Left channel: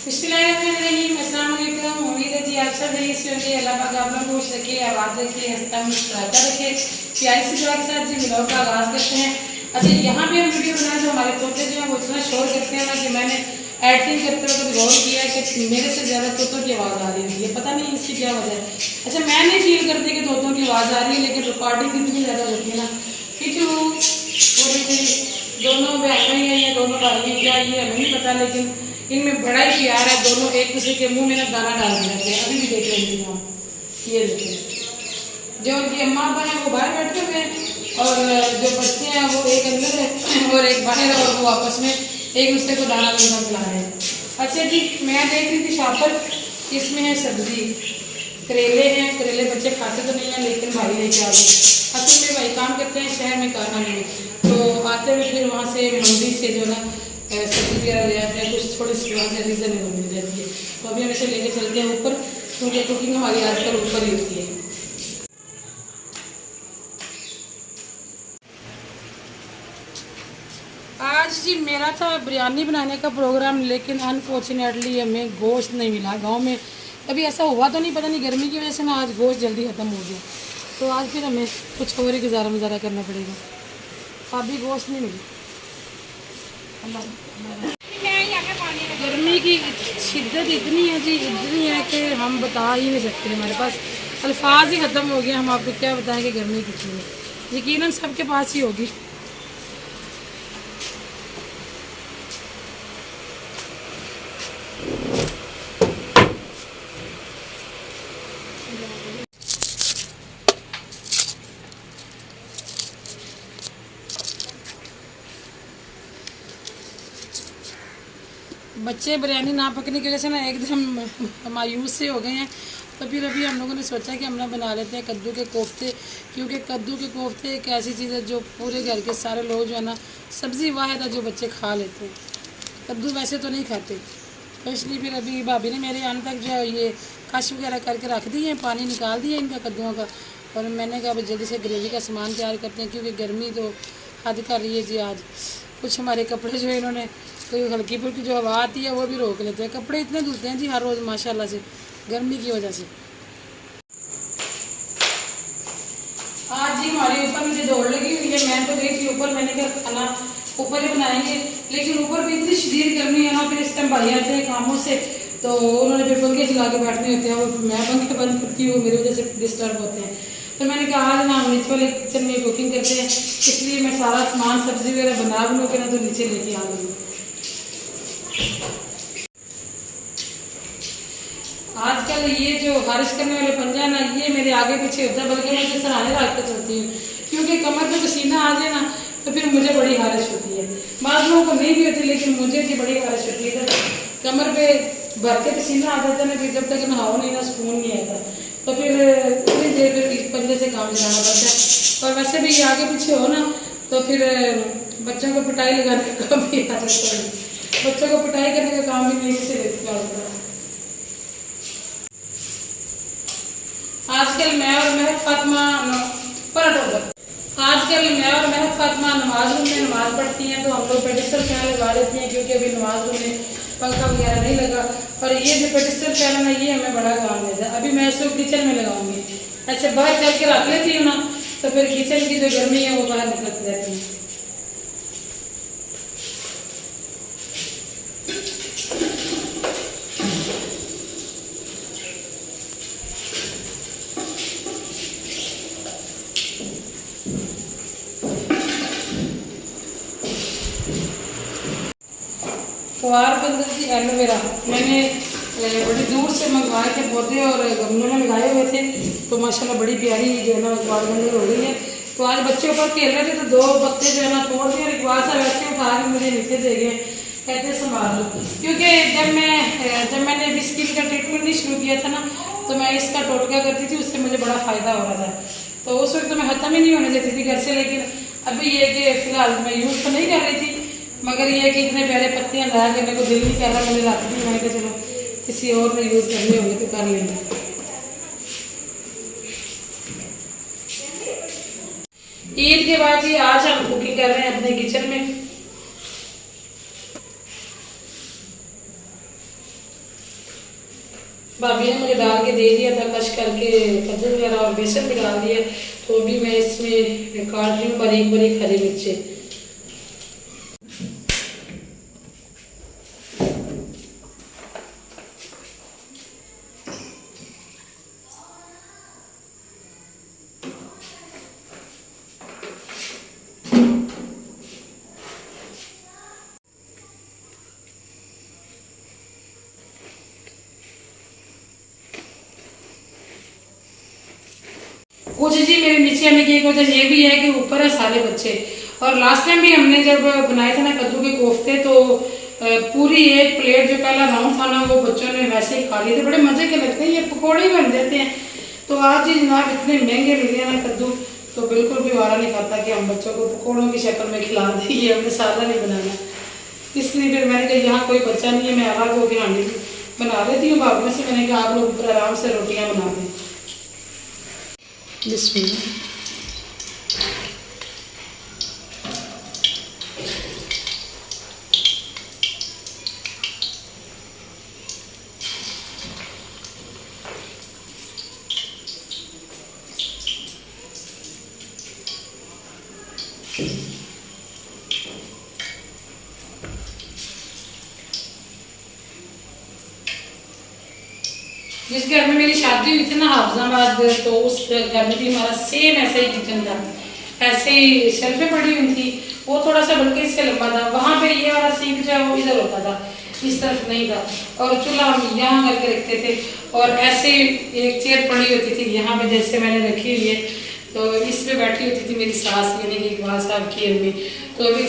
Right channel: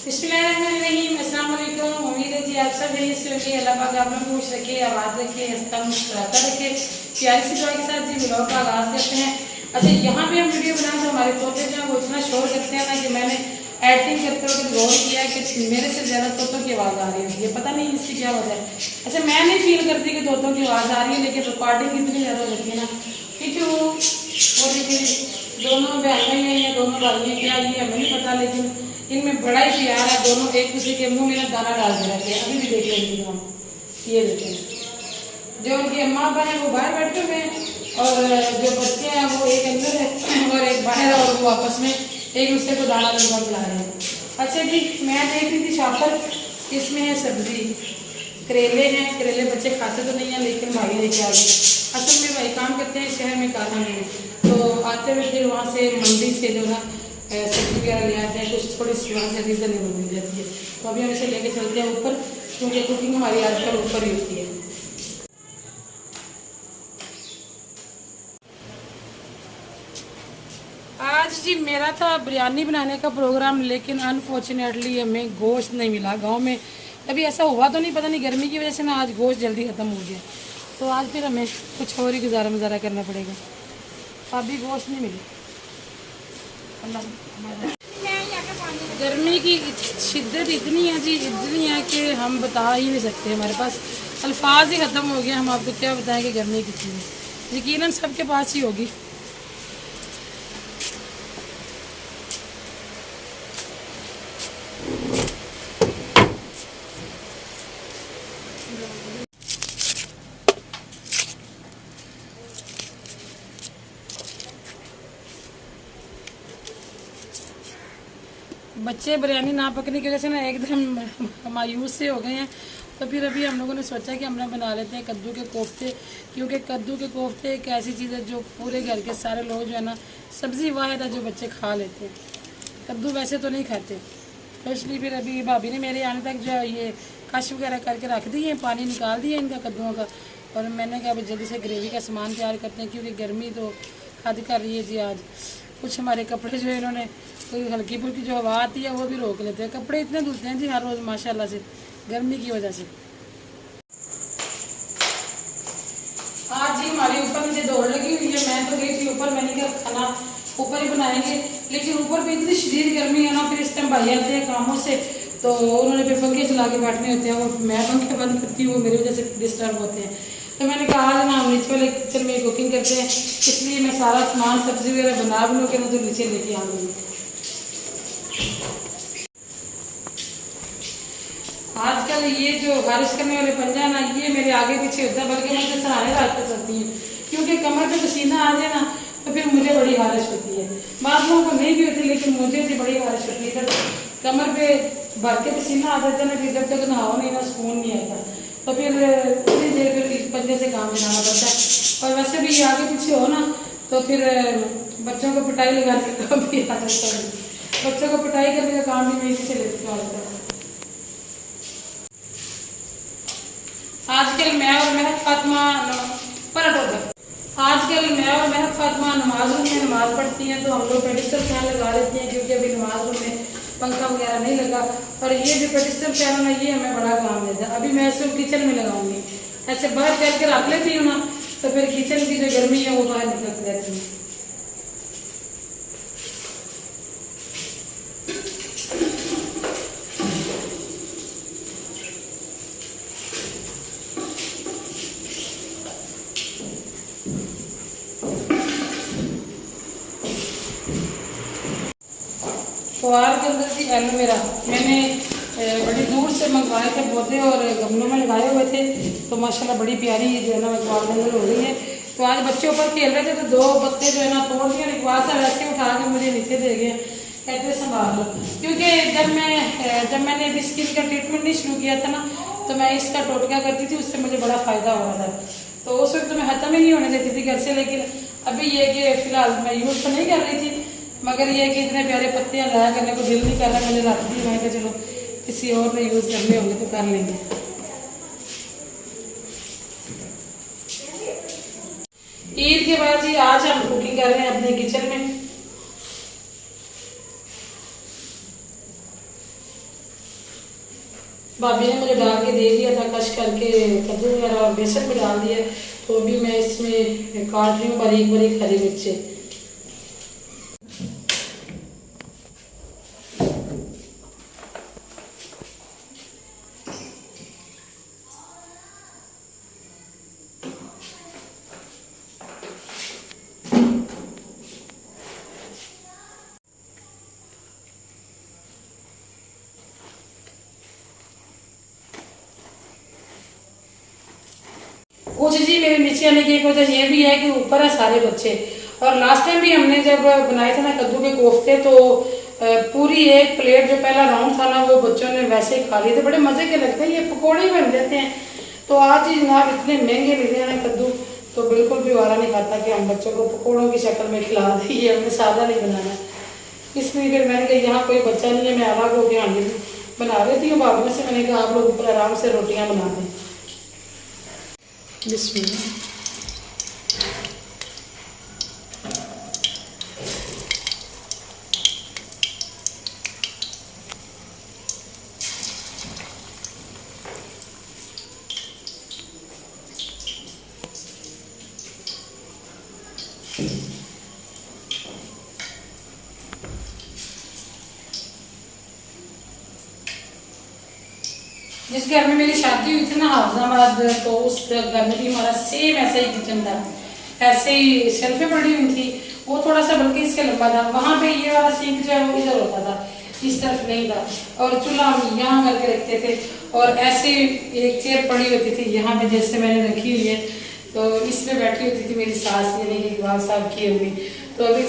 बिस्मिल्लाहिर्रहमानिर्रहीम। अस्सलाम वालेकुम। उम्मीद है जी आप सब सही से होंगे। अल्लाह पाक आप लोग खुश रखे, आबाद रखे, हंसता मुस्कुराता रखे। प्यारी सी दुआ के साथ जी व्लॉग का आगाज करते हैं। अच्छा, यहाँ पे हम वीडियो बनाए तो हमारे तोते जो है वो इतना शोर करते हैं ना कि मैंने एडिटिंग करते वक्त गौर किया कि मेरे से ज़्यादा तोतों की आवाज़ आ रही है। पता नहीं इसकी क्या वजह है। अच्छा, मैं नहीं फील करती कि तोतों की आवाज़ आ रही है, लेकिन रिकॉर्डिंग इतनी ज़्यादा होती है ना क्योंकि दोनों बहनें हैं या दोनों भाई हैं, क्या ये हमें नहीं पता, लेकिन इनमें बड़ा ही प्यार है। दोनों एक दूसरे के मुंह में ना दाना डाल रहते हैं। अभी भी देख लेंगे हम, ये देखें जो उनकी अम्मा अब्बा हैं वो बाहर बैठे हुए हैं और जो बच्चे हैं वो एक अंदर है और एक बाहर है और वो आपस में एक दूसरे को दाना मिलकर खिला रहे हैं। अच्छा जी, मैं देख रही थी शॉप पर, इसमें है सब्जी, करेले हैं। करेले बच्चे खाते तो नहीं हैं लेकिन भाई लेके आ गए। असल में भाई काम करते हैं शहर में कारखाने में, तो आते हुए फिर वहाँ से मंडी से जो ना सब्जी वगैरह ले आते हैं। कुछ थोड़ी सी वहाँ से रीज़नेबल मिल जाती है, तो अभी हम इसे लेके चलते हैं ऊपर, क्योंकि कुकिंग हमारी आजकल ऊपर ही होती है। आज जी मेरा था बिरयानी बनाने का प्रोग्राम, लेकिन अनफॉर्चुनेटली हमें गोश्त नहीं मिला। गांव में कभी ऐसा हुआ तो नहीं, पता नहीं गर्मी की वजह से ना आज गोश्त जल्दी ख़त्म हो गया, तो आज फिर हमें कुछ और ही गुजारा करना पड़ेगा। अभी गोश्त नहीं मिली। गर्मी की शिद्दत इतनी है जी, इतनी है कि हम बता ही नहीं सकते। हमारे पास अल्फाज ही ख़त्म हो गए। हम आपको क्या बताएं कि गर्मी कितनी है। यकीनन सबके पास ही होगी। बच्चे बिरयानी ना पकने की वजह से ना एकदम मायूस से हो गए हैं, तो फिर अभी हम लोगों ने सोचा कि हम ना बना लेते हैं कद्दू के कोफ्ते, क्योंकि कद्दू के कोफ्ते एक ऐसी चीज़ है जो पूरे घर के सारे लोग जो है ना, सब्ज़ी वाहिद है जो बच्चे खा लेते हैं। कद्दू वैसे तो नहीं खाते, तो इसलिए फिर अभी भाभी ने मेरे आने तक जो ये कश वगैरह करके रख दी है, पानी निकाल दिया इनका कद्दुओं का, और मैंने कहा जल्दी से ग्रेवी का सामान तैयार करते हैं, क्योंकि गर्मी तो हद कर रही है जी। आज कुछ हमारे कपड़े जो है इन्होंने तो हल्की फुल्की जो हवा आती है वो भी रोक लेते हैं। कपड़े इतने धुलते हैं जी हर रोज़ माशाल्लाह से, गर्मी की वजह से। आज जी हमारे ऊपर मुझे दौड़ लगी हुई है। मैं तो गई थी ऊपर, मैंने क्या खाना ऊपर ही बनाएंगे, लेकिन ऊपर भी इतनी शदीद गर्मी है ना। फिर इस टाइम भाई आते हैं कामों से, तो उन्होंने फिर पंखे चला के बैठने होते हैं, वो मैं पंखे बंद करती हूँ, वो मेरी वजह से डिस्टर्ब होते हैं। तो मैंने कहा आज ना नीचे वाले किचन में कुकिंग करते हैं, इसलिए मैं सारा सामान सब्जी वगैरह बना लूँ के ना, तो नीचे लेके आ गई। आजकल ये जो बारिश करने वाले पंजा ना, ये मेरे आगे पीछे होता है, बल्कि मैं तो सराहने रख कर चलती हूँ, क्योंकि कमर पे पसीना आ जाए ना तो फिर मुझे बड़ी हारिश होती है। बाद लोगों को नहीं भी होती, लेकिन मुझे भी बड़ी हारिश होती है। तो कमर पे भर के पसीना आ जाता है ना, फिर जब तक नहाओ नहीं ना सुकून नहीं आता, तो फिर इतनी देर फिर पंजे से काम चलाना पड़ता है। और वैसे भी ये आगे पीछे हो ना, तो फिर बच्चों को पिटाई लगाने का काम भी आ जाता है। बच्चों को पिटाई करने का काम भी मेरे से लेती है। आजकल मैं और महक फातिमा नमाज रूम में नमाज पढ़ती हैं, तो हम लोग पेडिस्टल फैन लगा लेते हैं, क्योंकि अभी नमाज रूम में पंखा वगैरह नहीं लगा। और ये जो पेडिस्टल फैन है ना, ये हमें बड़ा काम देता है। अभी मैं सिर्फ किचन में लगाऊंगी, ऐसे बाहर चल के रख लेती हूँ ना, तो फिर किचन की जो गर्मी है वो बाहर निकल जाती है। फवार के अंदर की एलोवेरा मैंने बड़ी दूर से मंगवाए थे पौधे और गमलों में लगाए हुए थे, तो माशाल्लाह बड़ी प्यारी जो है ना फवार के अंदर हो रही है। तो आज बच्चे ऊपर खेल रहे थे, तो दो पत्ते जो है ना तोड़ दिए और इकबाल सा वैसे उठा के मुझे नीचे दे गए, कहते संभाल लो। क्योंकि जब मैंने अभी स्किन का ट्रीटमेंट नहीं शुरू किया था ना, तो मैं इसका टोटका करती थी, उससे मुझे बड़ा फ़ायदा हो रहा था। तो उस वक्त तो मैं ख़त्म ही नहीं होने देती थी घर से, लेकिन अभी ये कि फ़िलहाल मैं यूज़ तो नहीं कर रही थी, मगर ये है कि इतने प्यारे पत्तियां ज़ाया करने को दिल नहीं कर रहा। मैंने रख दी, मैंने कहा चलो किसी और ने यूज़ करने होंगे तो कर लेंगे। ईद के बाद ही आज हम कुकिंग कर रहे हैं अपने किचन में। भाभी ने मुझे डाल के दे दिया था कश करके, कद्दू वगैरह और बेसन भी डाल दिया। तो अभी मैं इसमें काट रही हूँ बारीक बारीक हरी मिर्ची। कुछ जी मेरे नीचे आने की एक वजह ये भी है कि ऊपर है सारे बच्चे। और लास्ट टाइम भी हमने जब बनाए थे ना कद्दू के कोफ्ते, तो पूरी एक प्लेट जो पहला राउंड था ना वो बच्चों ने वैसे ही खा लिए थे। बड़े मजे के लगते हैं, ये पकौड़े ही बन जाते हैं। तो आज ही जनाब इतने महंगे मिले हैं ना कद्दू, तो बिल्कुल भी वारा नहीं खाता कि हम बच्चों को पकौड़ों की शक्ल में खिला दें। ये हमने सादा नहीं बनाना, इसलिए फिर मैंने कहा यहाँ कोई बच्चा नहीं है, मैं अलग होकर हांडी बना लेती हूँ भाभी से। मैंने कहा आप लोग ऊपर आराम से रोटियाँ बना दें। बिस्मिल्लाह। जिस घर में मेरी शादी हुई थी ना हाफजाबाद, तो उस घर में भी हमारा सेम ऐसा ही किचन था, ऐसे ही शेल्फें पड़ी हुई थी। वो थोड़ा सा बल्कि इससे लंबा था। वहां पे ये वाला सिंक जो है वो इधर होता था, इस तरफ नहीं था। और चूल्हा हम यहाँ करके रखते थे। और ऐसे एक चेयर पड़ी होती थी यहाँ पे, जैसे मैंने रखी हुई है, तो इस पे बैठी होती थी मेरी सास, यानी कि इकबाल साहब की अम्मी। तो अभी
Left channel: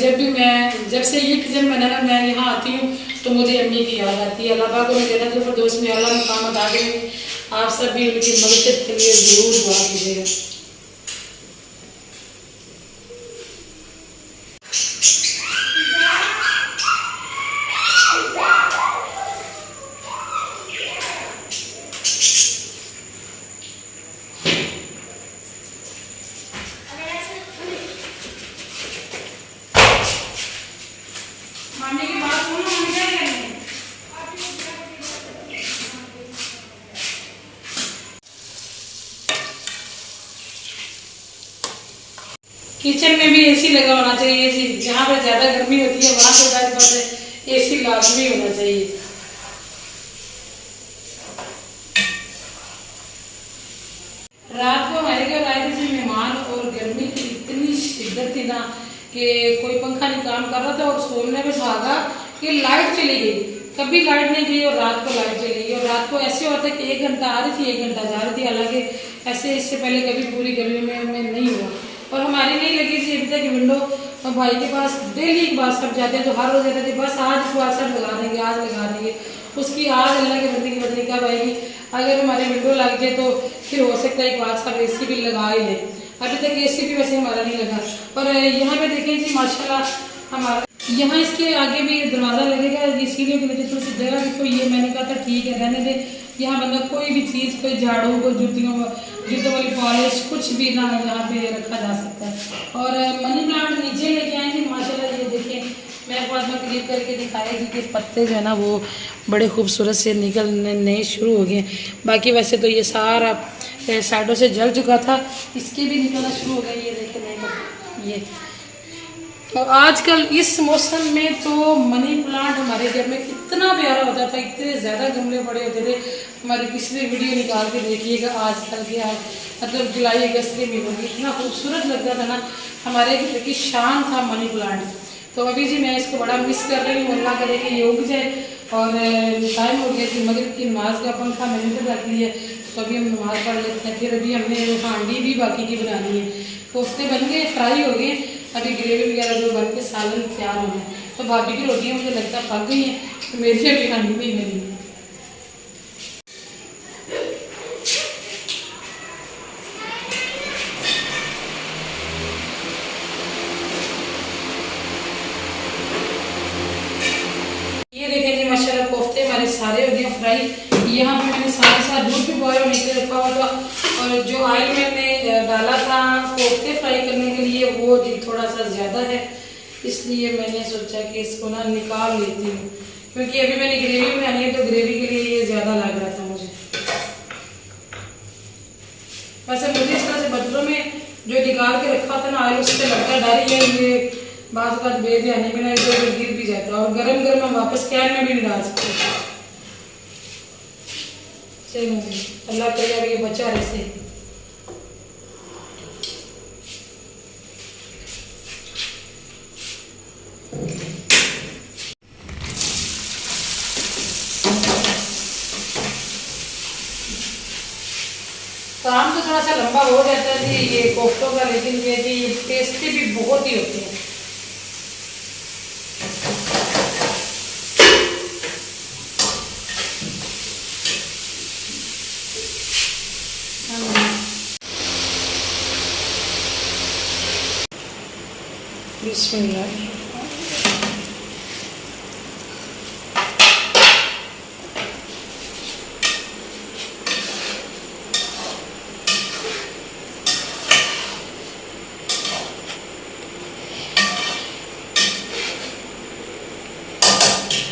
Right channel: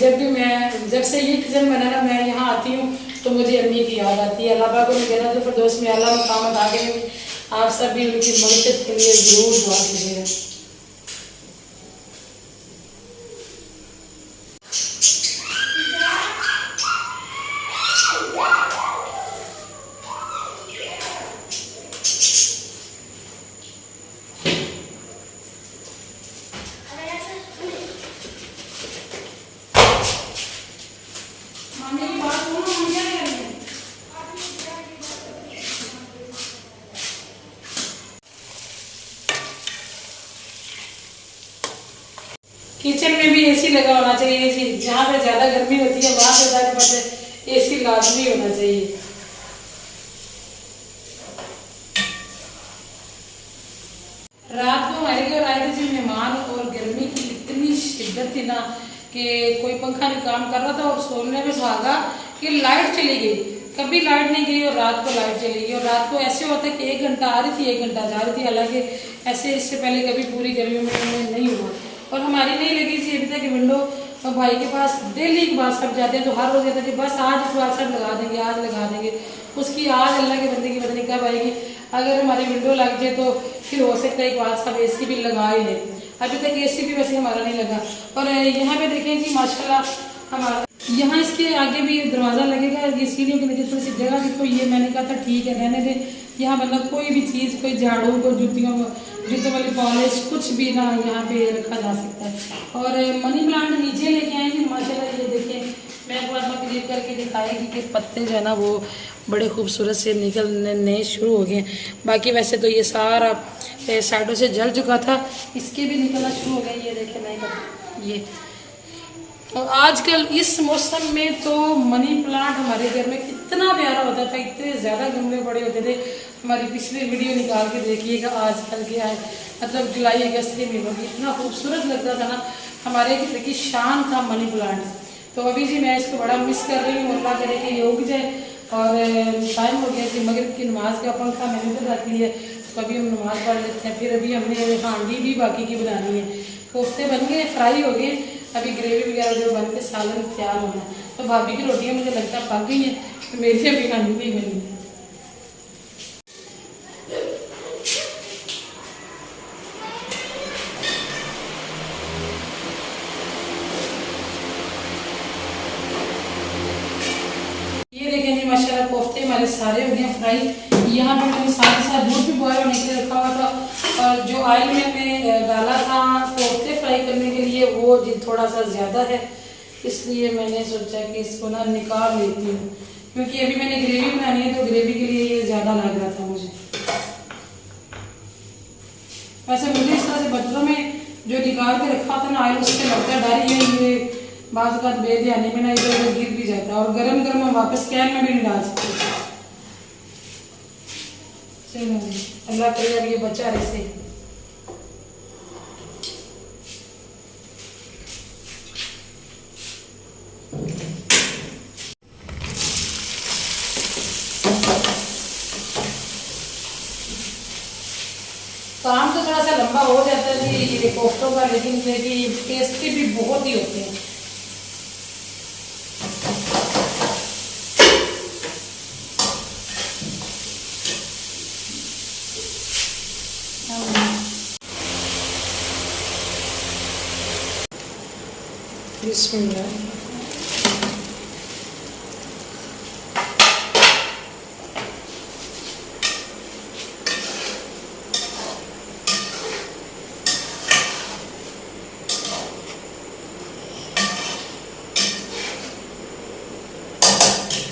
जब से ये किचन बना ना, मैं यहाँ आती हूँ तो मुझे अम्मी की याद आती है। अल्लाह पाक को जन्नत फिरदौस में आला मकाम अता करें। आप सब भी उनकी मदद के लिए जरूर दुआ कीजिएगा। मामी की बात सुनो, हम क्या करेंगे? किचन में भी एसी लगा होना चाहिए जी। जहाँ पे ज्यादा गर्मी होती है वहां पे बस एसी लाजमी होना चाहिए। रात को हमारे घर आए थे जी मेहमान, और गर्मी की इतनी शिद्दत थी ना कि कोई पंखा नहीं काम कर रहा था। और सोने में सुहागा कि लाइट चली गई, कभी लाइट नहीं गई और रात को लाइट चली गई। और रात को ऐसे होता है कि 1 घंटा आ रही थी 1 घंटा जा रही थी। हालांकि ऐसे इससे पहले कभी पूरी गर्मी में नहीं हुआ। और हमारी नहीं लगी थी अभी तक विंडो। और भाई के पास डेली एक बार सब जाते हैं, तो हर रोज कहते थे बस आज इस बार सब लगा देंगे, आज लगा देंगे। उसकी आज अल्लाह के बंदे की पता नहीं कब आएगी। अगर हमारे विंडो लग जाए तो फिर हो सकता है एक बार सब एसी भी लगा ही ले। अभी तक एसी भी वैसे हमारा नहीं लगा। और यहाँ पे देखें जी माशाल्लाह, हमारा यहाँ इसके आगे भी दरवाजा लगेगा। ये सीढ़ियों के नीचे थोड़ी सी जगह भी, तो ये मैंने कहा था ठीक है रहने दे। यहाँ मतलब कोई भी चीज़, कोई झाड़ू, कोई जूतों वाली पॉलिश, कुछ भी ना यहाँ पे रखा जा सकता है। और मनी प्लांट नीचे लेके आए थे माशाल्लाह। ये देखिए, मैं आपको आज करीब करके दिखाएगी कि पत्ते जो है ना वो बड़े खूबसूरत से निकलने शुरू हो गए। बाकी वैसे तो ये सारा साइडों से जल चुका था, इसके भी निकलना शुरू हो गए। ये देखिए नहीं ये। और आजकल इस मौसम में तो मनी प्लांट हमारे घर में कितना प्यारा होता था, इतने ज़्यादा गमले बड़े होते थे। हमारी पिछली वीडियो निकाल के देखिएगा आजकल क्या है, मतलब जुलाई अगस्त के महीनों की इतना खूबसूरत लगता था ना। हमारे घर की शान था मनी प्लांट। तो अभी जी मैं इसको बड़ा मिस कर रही हूँ। अल्लाह करे कि ये उग जाए। और टाइम हो गया कि मगरिब की नमाज का पंखा मैंने तो रख लिया, तो अभी हम नमाज पढ़ लेते हैं। फिर अभी हमने हांडी भी बाकी की बनानी है। कोफ्ते बन गए, फ्राई हो गए, अभी ग्रेवी वगैरह जो बन के सालन तैयार होना है। तो भाभी की रोटियां मुझे लगता है पक गई हैं, तो मेरी अभी हांडी नहीं बनी। ये देखें जी माशाल्लाह कोफ्ते हमारे सारे हो गए फ्राई। यहाँ पे मैंने साथ साथ दूध भी बॉयल होने के लिए रखा हुआ था। और जो ऑयल मैंने डाला था कोफ्ते फ्राई करने के लिए वो जी थोड़ा सा ज़्यादा है, इसलिए मैंने सोचा कि इसको ना निकाल लेती हूँ, क्योंकि अभी मैंने ग्रेवी बनानी है तो ग्रेवी के लिए ये ज़्यादा लग रहा था मुझे। उससे लगता डर ही है ये बाज़ का बेध्यानी में ना इधर उधर गिर भी जाता है। और गरम गरम हम वापस कैन में भी नहीं डाल सकते। चलो जी, अल्लाह करे अब ये बचा रहे से। काम तो थोड़ा सा लंबा हो जाता है जी ये कोफ्तों का, लेकिन ये कि टेस्टी भी बहुत ही होते हैं। बिस्मिल्लाह।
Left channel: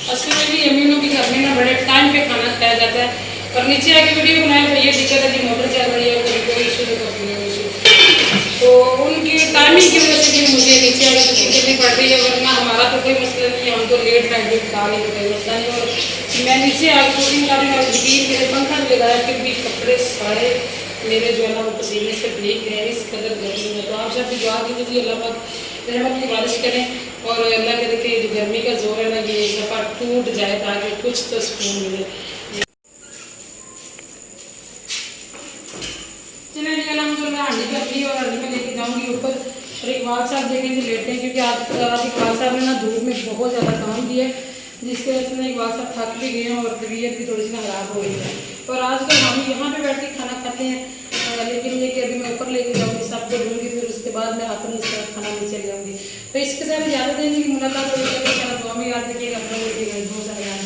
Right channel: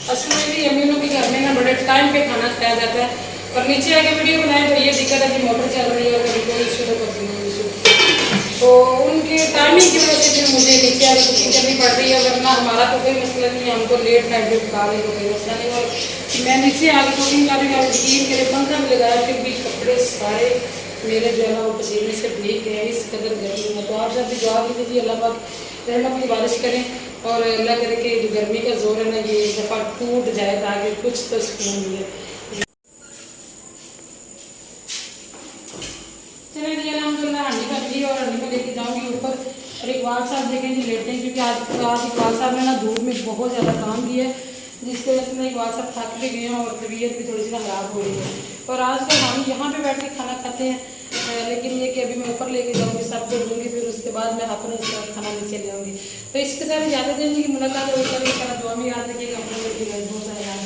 असल में भी अमीनों के घर में ना बड़े टाइम पे खाना खाया जाता है। और नीचे आके वीडियो बनाए तो ये दिक्कत है कि मोटर चल रही है और कभी कोई इशू तो कभी नहीं इशू, तो उनकी टाइमिंग की वजह से फिर मुझे नीचे आके कुकिंग करनी पड़ रही है। वरना हमारा तो कोई मसला नहीं है, हम तो लेट नाइट भी खा लेंगे, कोई मसला नहीं। और मैं नीचे आके कुकिंग कर रही हूँ और यकीन मेरे पंखा भी लगाया, फिर भी कपड़े सारे मेरे जो है ना वो पसीने से भीग गए इस कदर गर्मी में। तो आप सब भी दुआ कीजिए अल्लाह पाक रहमत की बारिश करें और अल्लाह करे कि जो गर्मी का जोर है ना ये एक दफ़ा टूट जाए ताकि कुछ तो सुकून मिले। चलिए जी अल्हम्दुलिल्लाह हांडी का पी और हांडी में लेके जाऊँगी ऊपर। और एक वाल साहब देखेंगे लेटे हैं क्योंकि आज एक वाल साहब ने ना धूप में बहुत ज़्यादा काम किया है, जिसकी वजह से ना एक वाल साहब थक भी गए हैं और तबीयत भी थोड़ी सी खराब हो रही है। और आजकल हम यहाँ पे बैठ के खाना खाते हैं, लेकिन ये कि अभी मैं ऊपर लेके जाऊँगी सबको दूँगी, फिर उसके बाद मैं अपने साथ खाना भी चले जाऊँगी। तो इसके साथ ज़्यादा देर की मुलाकात होगी, दुआ में याद रखिएगा, अपना बहुत सारा याद